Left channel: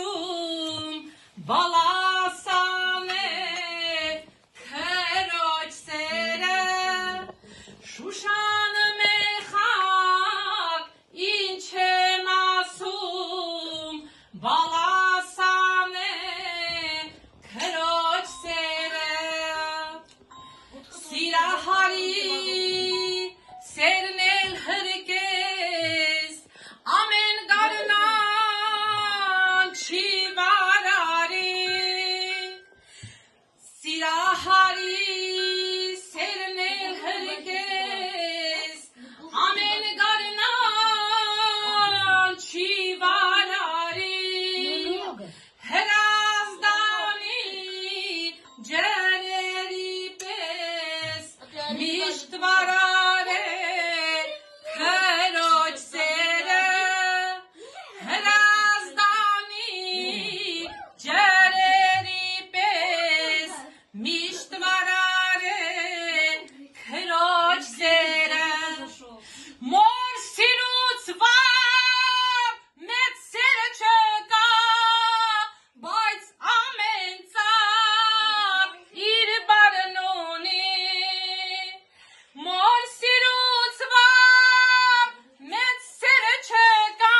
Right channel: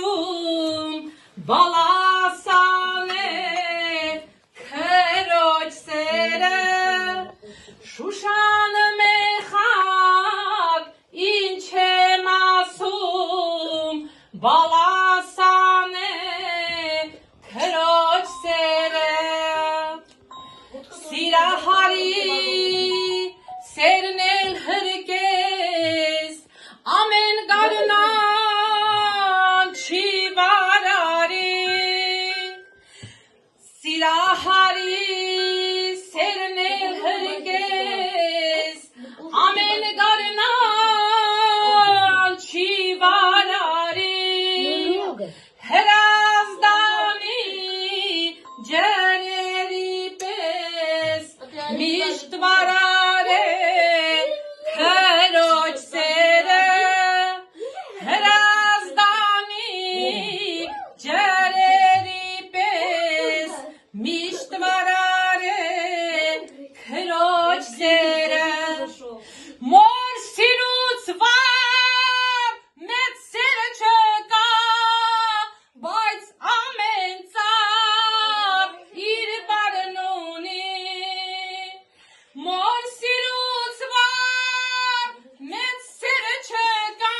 ասում, բալասան է քրոջ սերը, Շուշան մեխակ, ինչ եմ ասում, բալասան է քրոջ սերը, սիրահարի սերն էլ հրկես, ամեն գարնան չի վարարի, սիրահարի սերն էլ հրկես, ամեն գարնան չի վարարի, հրազդանի ջրերի պես միշտ վարար է քրոջ սերը, հրազդանի ջրերի պես միշտ վարար է քրոջ սերը, մոր սիրուց վար մեծ սերը չկա, բայց ամեն ծառ իր բառն ունի, մոր սիրուց վար մեծ սերը չկա,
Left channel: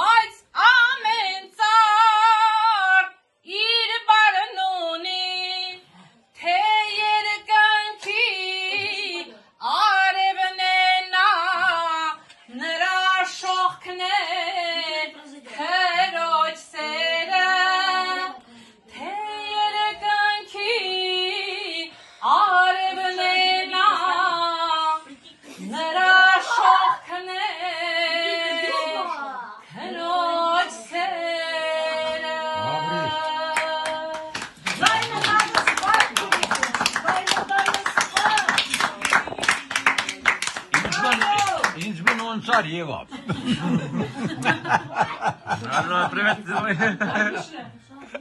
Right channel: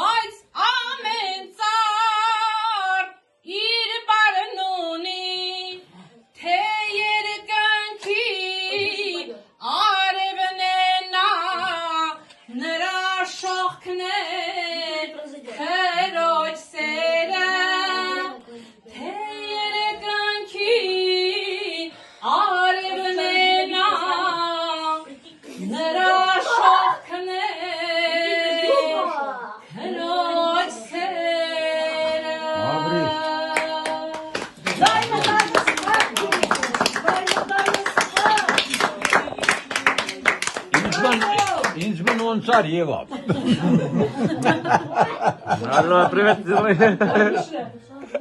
բայց ամեն ծառ իր բառն ունի, թե երկնքի արևն է նա, նրա շողքն է քրոջ սերը, թե երկնքի արևն է նա, նրա շողքն է քրոջ սերը։ Ինձ ոնցար Եվա։ Алло, привет.